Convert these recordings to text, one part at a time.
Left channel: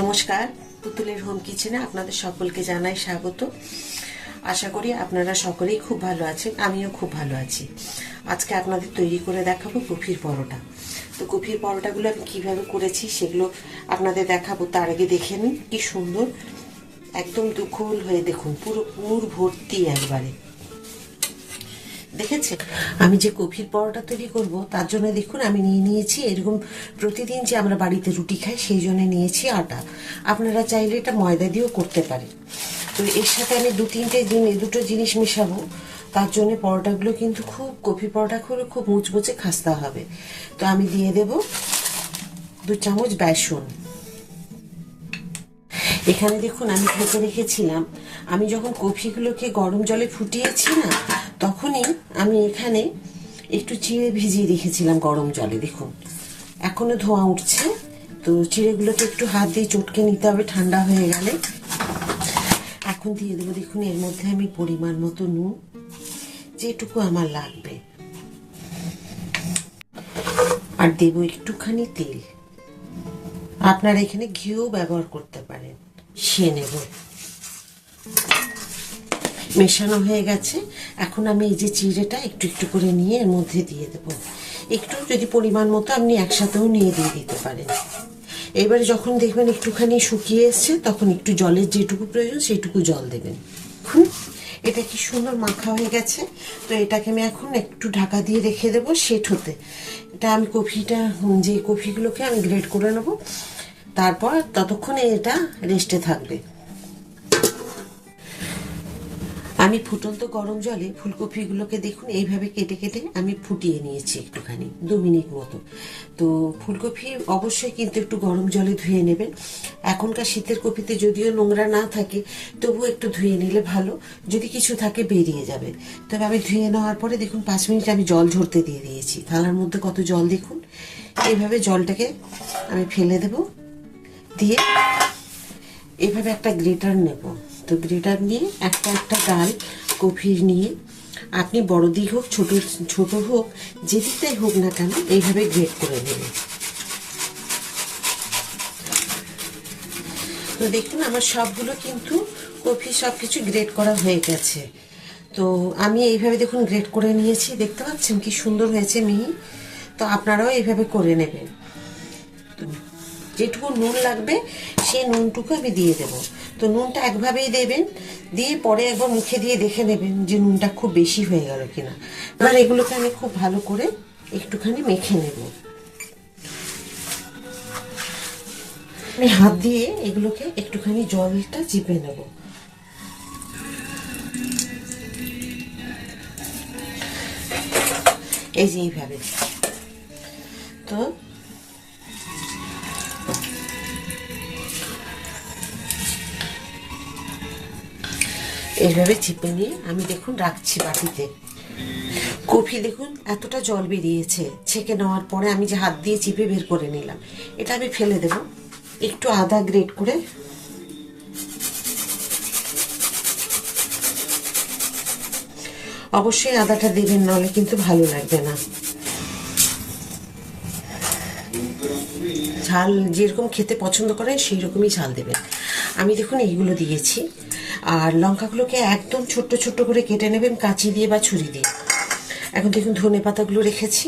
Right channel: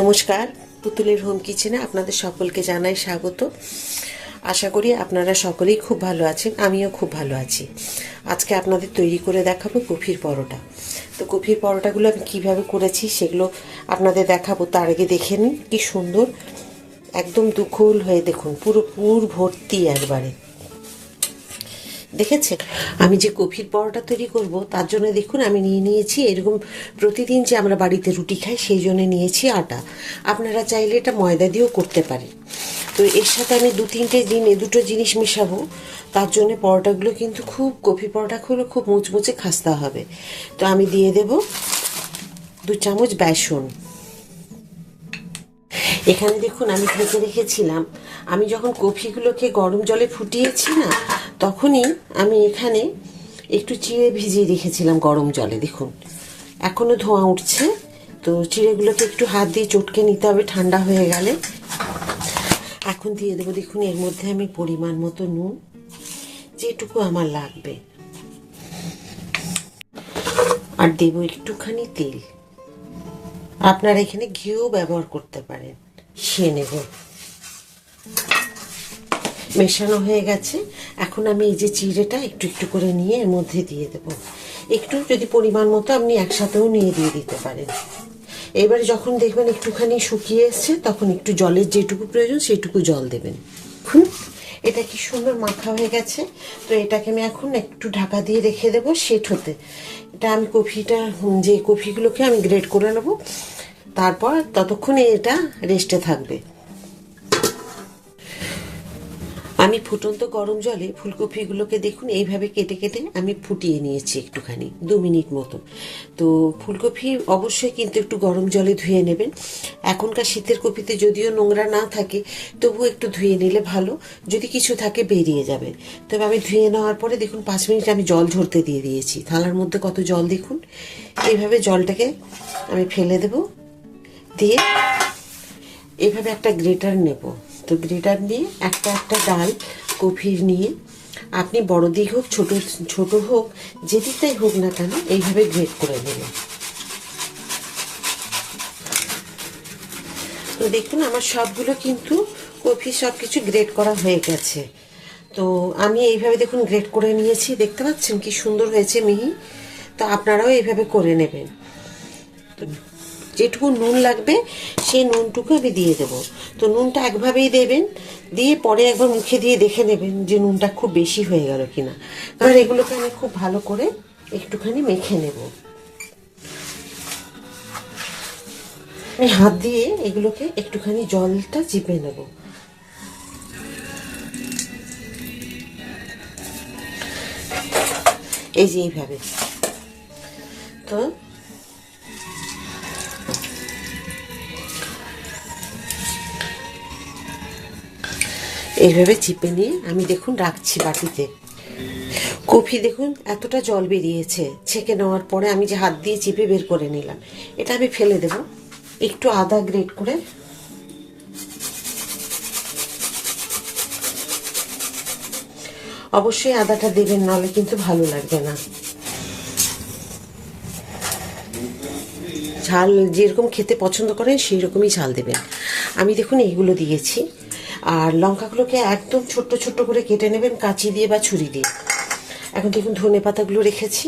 নমস্কার, পুতুলের হোম কিচেনে আপনাদের সকলকে জানাই স্বাগত। আশা করি আপনারা সকলেই খুব ভালো আছেন, আমিও খুব ভালো আছি। আজকে আপনাদের তৈরি করে দেখাবো কফির পরোটা। তো কফির পরোটাগুলো আমি কীভাবে করেছি সেগুলো আপনাদের দেখাবো, তার আগে দেখে নিন, কি সুন্দর, একদম দুখুল হয়ে দেখুন, পুরো পুর ভর্তি একবারে। দেখেছেন? আমি যে কফির পরোটা তৈরি করব, তার জন্য দেখুন আমি নিয়ে নিয়েছি, এরকম প্রতিদিন যে আমরা বাড়িতে রুটি খাই, সেই জন্য নিয়েছি আটা। আপনারা চাইলে এটা ময়দা দিয়েও করতে পারেন। তো এর সাথে আমি দু তিনটে দিন এ দুটো জিনিস মেশাবো। তার জন্য পরোটাগুলো কিন্তু খুব, কফি পরোটাগুলো খুব মুচমুচে খাস্তা হবে। তো আমি দিয়ে দেব দু চামচ বেসন। এখানে দেখুন আমি ভেজে রেখেছিলাম। আমি যখন কফিগুলোকে গরম জলে ফুটিয়েছি না তখনই আমি এখানে একটু চিড়ে ভিজিয়ে রেখেছিলাম গরম জলে, দেখুন। এখনও ধোঁয়া উঠছে, তো চিড়েগুলোকে একটু হাত দিয়ে চটকে নিতে হবে, ঠান্ডা হয়ে গেলে। এখন দিয়ে দেবো, দেখুন, এর মধ্যে আমি পরিমাণ মতো নুন, যেটুকু আমার লাগবে। আর দেবো একটুখানি তেল। আপনারা এখানে ঘিও ব্যবহার করতে পারেন। সে নেব। মেশানো হয়ে গেছে। এখন আমি এই যে চিড়েটা একটু একটু করে নিয়ে এর মধ্যে দিয়ে দেব। একটু যদি পরিমাণ মতো আপনি একসাথেও নিয়ে দিয়ে দিতে পারেন। এবারে যখন দেখবেন একটুখানি শুকিয়ে এসছে, তখন একটু জলের যেটুকু প্রয়োজন সেইটুকু জল দেবেন। হুম? এটা কি সুন্দর মাখা হয়ে গেছে। তো এটাকে আমি এখন একটু ঢাকা দিয়ে রেখে দেবো সেট হতে এটা আমি কফিটা যে কফিগুলোকে আমি গ্রেড করে নেব, তারপর ততক্ষণে এটা রেস্টে থাকবে। আমি ফুটন্ত গরম জলে ফুলকপিগুলোকে দেখুন, এইভাবে কেটে কেটে আমি ফুটিয়ে নিয়েছি একটুখানি, দু মিনিট মতো। তো ফুলকপি অবশ্যই কিন্তু একটু গরম জলে ধুয়ে নেবেন। এখনকার শীতের কপিতে যদিও নোংরা না থাকে তবু একটু ধুয়ে নিলে ভালো। যদি কিছু থাকে বেরিয়ে যাবে। তবে আমি ধুয়ে নেওয়ার পরে দেখুন, পাঁচ মিনিট আমি জল ঝরতে দিয়ে দিয়েছি। থালার মধ্যে কত জল দেখুন, এইভাবে জলটাকে আমি ফেলে দেব। দিয়ে এভাবে একটা গ্রেটার নেব। তো গ্রেটার নিয়ে একটা একটা ডাল, কফির নিয়ে। আপনি বড় দিক হোক, ছোট ছোট হোক যেদিকটাই হোক না কেন, এইভাবে গ্রেট করে নেবেন। তো দেখুন, আমার সবগুলো কিন্তু কফি সব কিছু গ্রেট করা হয়ে গেছে। তো আমি এইভাবে দেখুন গ্রেট করে নিয়েছি। দেখতে পাচ্ছেন কি সুন্দর হয়েছে মিহি? তো আপনারাও এইভাবে করে নেবেন। যেটুকু নুন লাগবে, সেই নুনটুকু আমি দিয়ে দেব। তো নুনটা একভাবেই দেবেন, দিয়ে পরে একবার মুখে দিয়ে দেখে নেবেন যে নুনটা খুব বেশি হয়ে গেল কিনা। এবার এগুলোকে আমি খুব ভালো করে একটুখানি মেখে নেব। আমি হাত দিয়ে এগুলোকে একটুখানি জলটা চিপে নেব। এই যে এইভাবে। তো এইভাবে চিপে নিয়ে আমি দেখুন রাখছি বাটিতে। কফি দেখুন, এতটা জল বেরিয়েছে। ছেঁকে নেওয়ার পরে আমি যে হাত দিয়ে চিপে বের করে নিলাম, এটা আমি ফেলে দেব। একটু আদা গ্রেট করে অবশ্যই আদাটা দেবেন, নাহলে কিন্তু ভালো লাগবে না। ঝাল যেরকম খেতে পছন্দ করেন সেই রকমই ঝাল দেবেন। আমি দেখুন এইগুলো দিয়েছি। আর লঙ্কাগুলোকে একদম ছোট্ট ছোট্ট করে কেটে নেবেন কাঁচি দিয়ে বা ছুরি দিয়ে। এখন দেখুন ধনে পাতাগুলো রেখেছি।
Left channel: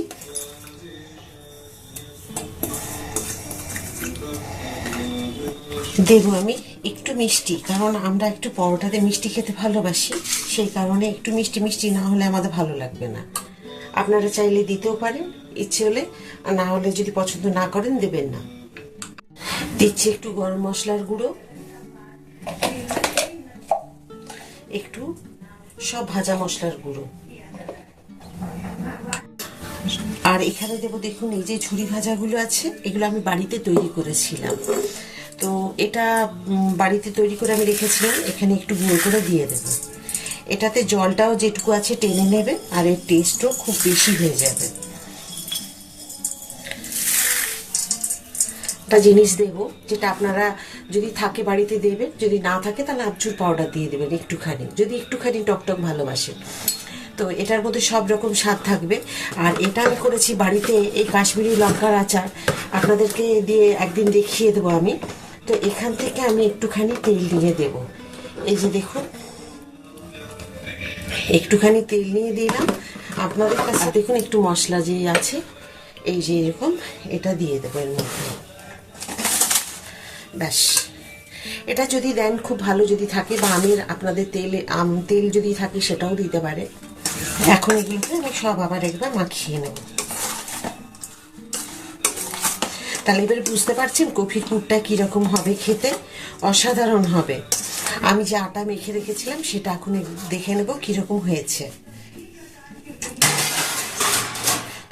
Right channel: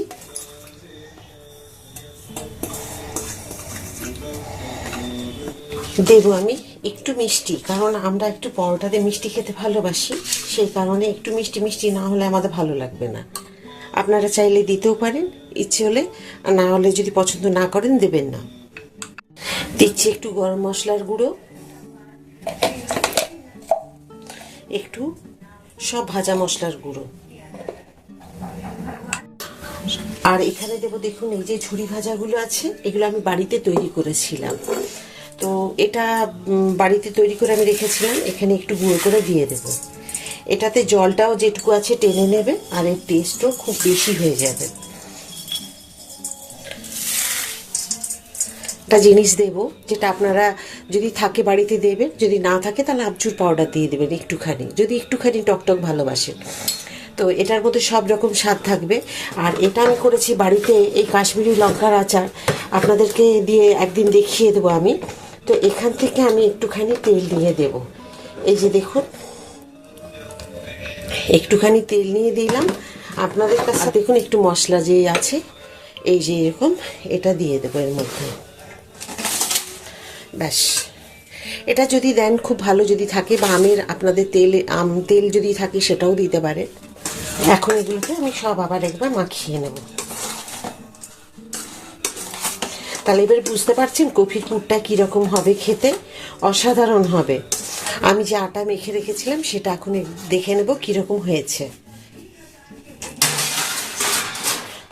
দেবো আমি একটু মিষ্টি, কারণ আমরা একটু পরোটাতে মিষ্টি খেতে ভালোবাসি, সেই কারণে একটু মিষ্টি মিষ্টি না হলে আমাদের ভালো লাগবে না। আপনারা চাইলে দিতেও পারেন, ইচ্ছে হলে না হলে যদি পছন্দ না করেন, দেবেন না। দিচ্ছি একটু গরম মশলার গুঁড়ো। একটু সব ভাজা মশলার গুঁড়ো। আর এখানে দেবো দেখুন, এই যে ঝুড়ি ভাজাগুলো আছে, এগুলো আমি বাড়িতে তৈরি করেছিলাম। তো এটা বাড়িতে তৈরি করে আমি রেখেছিলাম, এখানে একটু গুঁড়ো করে দিয়ে দেবো। এটাতে জলটাও যেটুকু আছে টেনে নেবে, আর এর টেস্টও খুব বেশি হয়ে যাবে। একটা জিনিস দেবো, যেটা আপনারা যদি থাকে বাড়িতে দেবেন, যদি না থাকে তাহলে আমচুর পাউডার দিয়ে দেবেন একটুখানি, যদি একটুখানি টকটক ভালোবাসেন। তো এটার মধ্যে সব রকম স্বাদ থাকবে। আর এটা আমি করেছি বাড়িতে এই কাশ্মীরি লঙ্কার আচার। আপনাদেরকে দিয়ে একদিন দেখিয়ে দেবো আমি। তো এখান থেকে আমি একটুখানি তেল দিয়ে দেব। এই যে দেখুন। একটুখানি তেল নিয়ে দিলাম। আপনাদের কাছে দেখুন একটু মশলা যে আছে, এই যে এরকম, এটা দিয়ে দেবো এর মধ্যে। ব্যাস। এটা যদি দেন, খুব ভালো যদি থাকে, বা আমের আপনাদের তেল, আম তেল যদি থাকে, সেটাও দিতে পারে। এখন এগুলোকে আমি সব আবার একবার মাখিয়ে নেব। তাহলে এবার বুঝতে পারছেন কফি কুটটা কীরকম হবে খেতে? অসাধারণ হবে। আমি যে আটা মেখে রেখেছিলাম, সেটা এখন দেখে নেব কীরকম হয়েছে।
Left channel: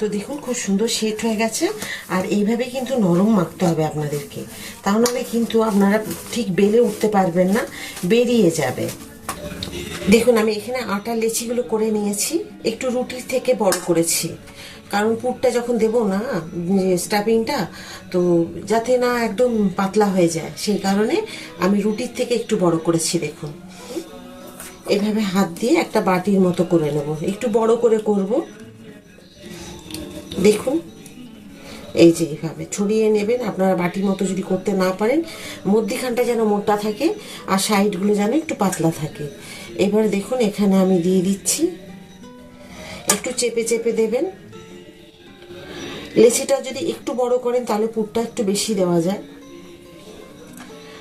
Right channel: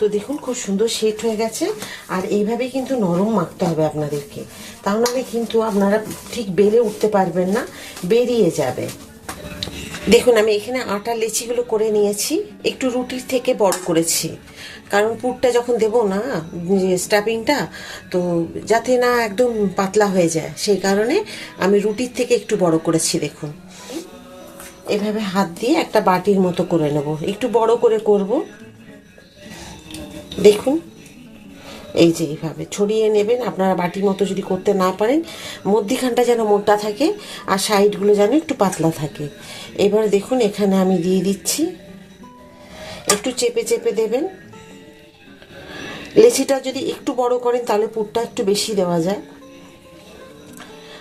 তো দেখুন, খুব সুন্দর সেট হয়ে গেছে। আর এইভাবে কিন্তু নরম মাখতে হবে আপনাদেরকে। তাও নাহলে কিন্তু আপনারা ঠিক বেড়ে উঠতে পারবেন না, বেরিয়ে যাবে। দেখুন, আমি এখানে আটা লেচিগুলো করে নিয়েছি। একটু রুটির থেকে বড় করেছি। কারণ পুরটা যখন দেবো না স্টাফিংটা তো যাতে না একদম পাতলা হয়ে যায়। সেই কারণে আমি রুটির থেকে একটু বড় করেছি, দেখুন। এভাবে হাত দিয়ে একটা বাটির মতো করে নেব। একটু বড় করে করব। দেখুন। এই যে এইভাবে ছড়িয়ে নেবেন। আপনারা বাটির মতো যদি করতে না পারেন, মধ্যিখানটা যেন মোটা থাকে আর সাইডগুলো যেন একটু পাতলা থাকে। এবার দেখুন, এখানে আমি দিয়ে দিচ্ছি। একটু চেপে চেপে দেবেন। লেচিটা যদি একটু বড় করেন, তাহলে পুরটা একটু বেশি দেওয়া যায়।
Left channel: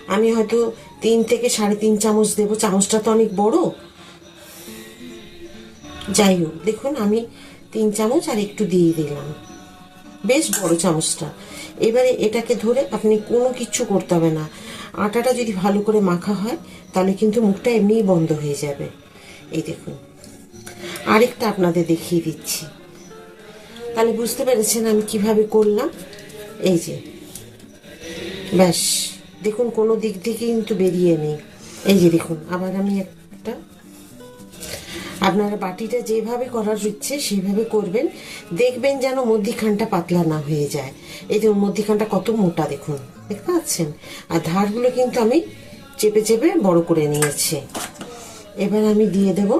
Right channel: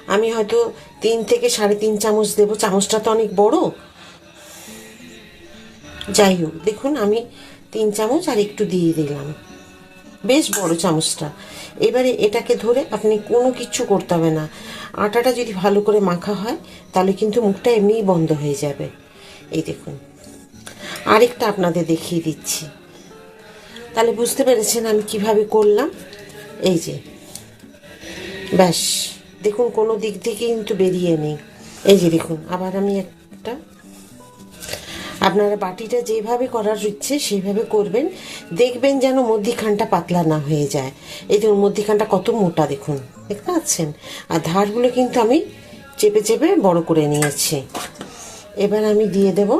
আমি হয়তো তিন থেকে সাড়ে তিন চামচ দেবো। চামচটা তো অনেক বড়। যাই হোক, দেখুন, আমি তিন চামচ আর একটু দিয়ে দিলাম। বেশ বড় চামচটা। এবারে এটাকে ধরে আপনি কোনো কিচ্ছু করতে হবে না। আটাটা যদি ভালো করে মাখা হয়, তাহলে কিন্তু মুখটা এমনিই বন্ধ হয়ে যাবে। এই দেখুন। আরেকটা আপনাদের দেখিয়ে দিচ্ছি। তাহলে বুঝতে পেরেছেন আমি কীভাবে করলাম? এই যে। ব্যাস। দেখুন, কোনো দিক থেকে কিন্তু বেরিয়ে নেই। এই যে দেখুন, আবার আমি একটা আপনারা বাটিটা যেভাবে করার ইচ্ছে সেইভাবে করবেন। দেখবেন যেন মধ্যিখানটা পাতলা না হয়ে যায়। এই দেখুন, মধ্যিখানটা কত মোটা দেখুন। দেখতে পাচ্ছেন? আর ধারগুলো কিন্তু আমি চেপে চেপে বড় করে নিয়েছি। এবার আমি দিয়ে দেব।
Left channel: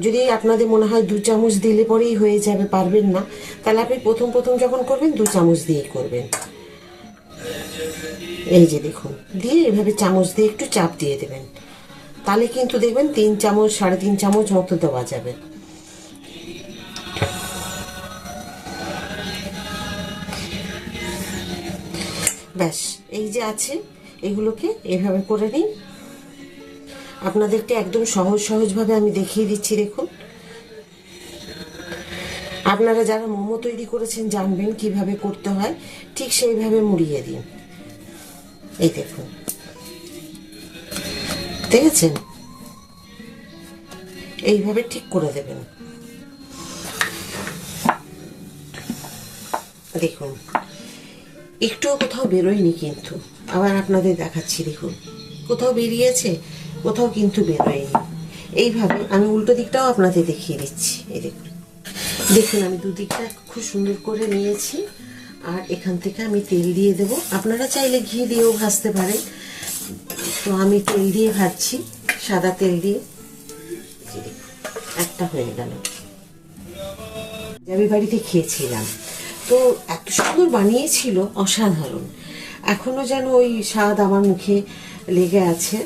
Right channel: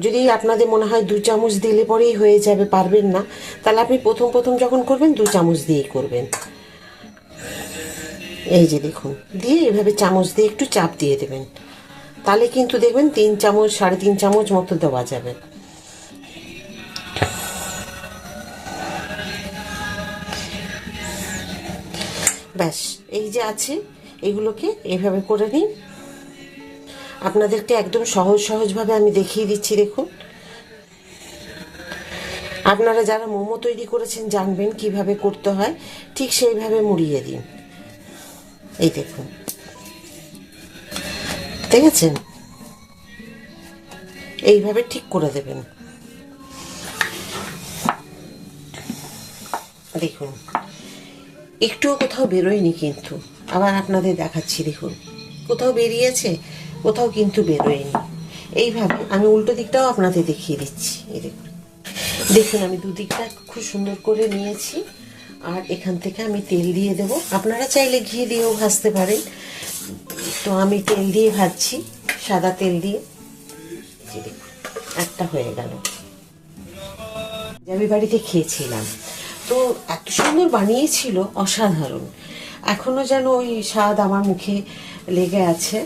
যদি আপনাদের মনে হয় দু চামচ দিলে পরেই হয়ে যাবে, পারবেন না। তাহলে আপনি প্রথম প্রথম যখন করবেন, দু চামচ দিয়েই করবেন। এই যে দেখুন, দিয়ে এভাবে চামচ দিয়ে একটু চাপ দিয়ে দেবেন। তাহলে কিন্তু দেখবেন তিন চামচ, সাড়ে তিন চামচ মতো দেওয়া যাবে। ব্যাস, এই যে আছে, এগুলোকে এইভাবে করে নিন। আপনাদেরকে একদম সহজ সহজভাবে আমি দেখিয়ে দিচ্ছি, দেখুন। আপনারা যারা মোমো তৈরি করেছেন, জানবেন কীভাবে করতে হয়। ঠিক সেইভাবে মুড়িয়ে দিন। এই দেখুন। দেখেছেন? এইভাবে ঠিক করে দেবেন। দেখুন, একটুও কোথাও বেরোয়নি কিন্তু। আবার আপনাদের দেখাচ্ছি, দেখুন। কোথাও বেরিয়েছে, কোথাও কিন্তু বেরোয়নি। এইভাবে আমি উল্টো দিকটাও আপনাদের দেখিয়ে দিচ্ছি, এই দেখুন। দেখুন, আমি দুদিকটা খুব সুন্দর করে নিয়েছি। আর এখান থেকে আমি তেল দিয়ে দেব। আপনারা চাইলে ঘি দিয়েও ভাজতে পারেন। তো আমি তেল দিয়ে ভাজছি, সাদা তেল দিয়ে। একটা হয়ে গেল। আমি বাড়িতে খেয়েছিলাম। তো এত সুন্দর বানিয়েছিল, অসাধারণ। এখনও যেন ওই স্বাদ আমার মুখে লেগে আছে।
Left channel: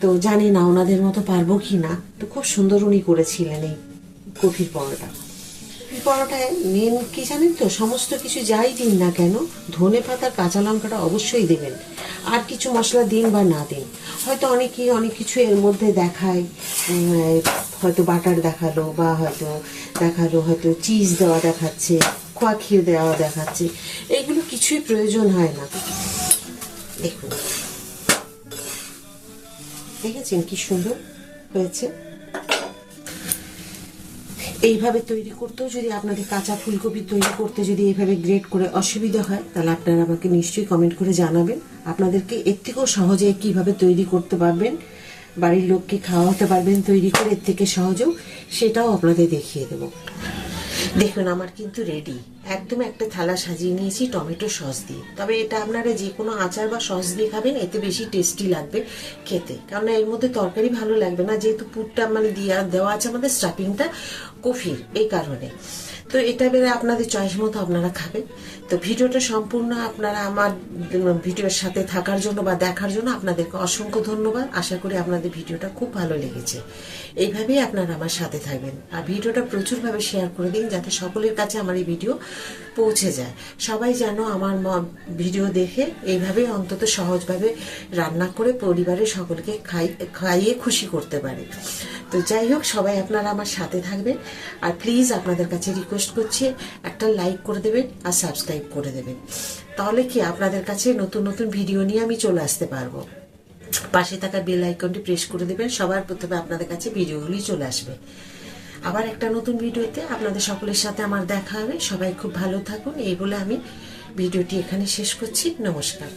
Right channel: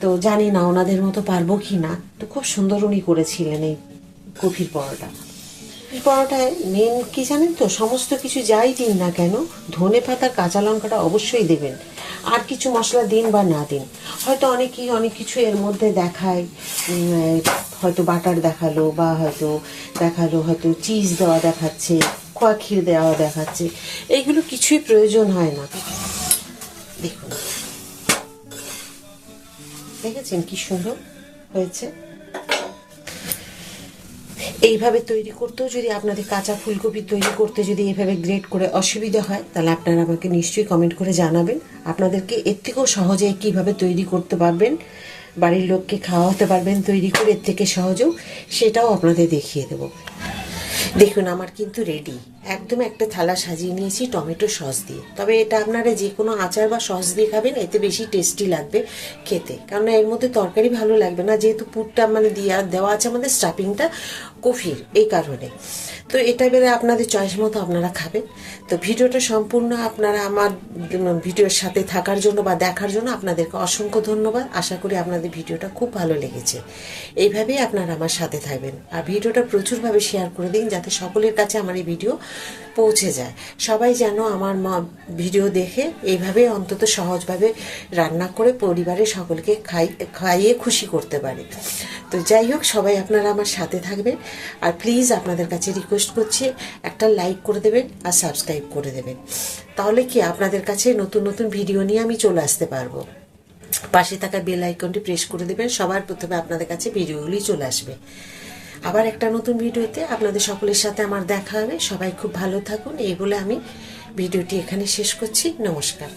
তো জানি না ওনাদের মতো পারব কি না তো খুব সুন্দর উনি করেছিলেন এই কফির পরোটা। কফির পরোটায় মেন কি জানেন তো? সমস্ত কিছু যাই দিন না কেন, ধনে পাতার কাঁচা লঙ্কাটা অবশ্যই দেবেন। আর কিছু মশলা দিন বা না দিন। হয়তো অনেকেই অনেক কিছু এর মধ্যে দেখায় হয়তো বাটার দেখাল বা হয়তো দেখাল, হয়তো চিজ দেওয়া দেখাচ্ছে খোয়া ক্ষীর দেওয়া দেখাচ্ছে। এইগুলো কিছুই প্রয়োজন হয় না। দেখুন। দেখেছেন কি সুন্দর হয়েছে? এইভাবে তৈরি করতেও যদি আপনাদের কাঁচা ফুলকপি তৈরি করতে যদি এইভাবে গ্রেড করে অসুবিধা হয়, তাহলে আপনারা আমাকে নিশ্চয়ই কমেন্ট করে জানাবেন। আপনাদেরকে এর থেকেও সহজে কীভাবে তৈরি করতে পারবেন, বাড়ির লোককে খাওয়াতে পারবেন তৈরি করে, এর থেকে সহজেও সেটাও আপনাদের দেখিয়ে দেবো। দেখুন, আমার কিন্তু রেডি একদম একটা থালা সাজিয়ে নিয়েছি, টমেটো সস দিয়ে। তবে এটা আপনারা যে কোনো আচার বা সস দিয়ে খাবেন, এতে বেশি টেস্টি লাগবে খেতে। কারণ এর মধ্যে তরকারি ভালো লাগবে না, যেহেতু পুরটা মানে দিয়া দেওয়া আছে আমাদের স্টাফিংটা কফির, এই কারণে। তো এটা বেড়ে আপনাদের চয়েস মতো আপনারা খাবেন। তো ভিডিওটা সম্পূর্ণ আপনারা আমার ভিডিওর সাথে থাকার জন্য বা দেখার জন্য আপনাদেরকে অসংখ্য ধন্যবাদ। আশা করি আপনাদের ভিডিওটা খুব ভালো লেগেছে। এইভাবেই আপনারা আমার সাথে থাকবেন। আর ভিডিওটা প্রচুরভাবে শেয়ার করে দিন যাতে সকলের কাছে আমার এই ভিডিও পৌঁছে যায়। সবাই যেন আমার ভিডিও দেখে এইভাবে অন্তত সহজভাবে রান্না করে পরিবারের সকলকে খাই, খাইয়ে খুশি করতে পারে। তো যাই হোক, সবাই আপনারা আমার সাথে থাকবেন। আর প্লিজ আপনাদের কাছে রিকোয়েস্ট করছি, একটা লাইক করে দেবেন আর সাবস্ক্রাইব করে দেবেন। তাহলে কি আপনাদের কাছে নতুন নতুন ভিডিও নিয়ে আমি চলে আসতে পারব? পাশে থাকা বেল আইকনটি প্রেস করে দেবেন, সবার প্রথমে আপনাদের কাছে ভিডিওগুলি চলে আসবে। আবার একটা নতুন ভিডিওতে আপনাদের সকলের সাথে আমার দেখা হবে। সবাই খুব ভালো থাকুন, এই বলে আমি ভিডিওটি এখানে শেষ করছি। নমস্কার।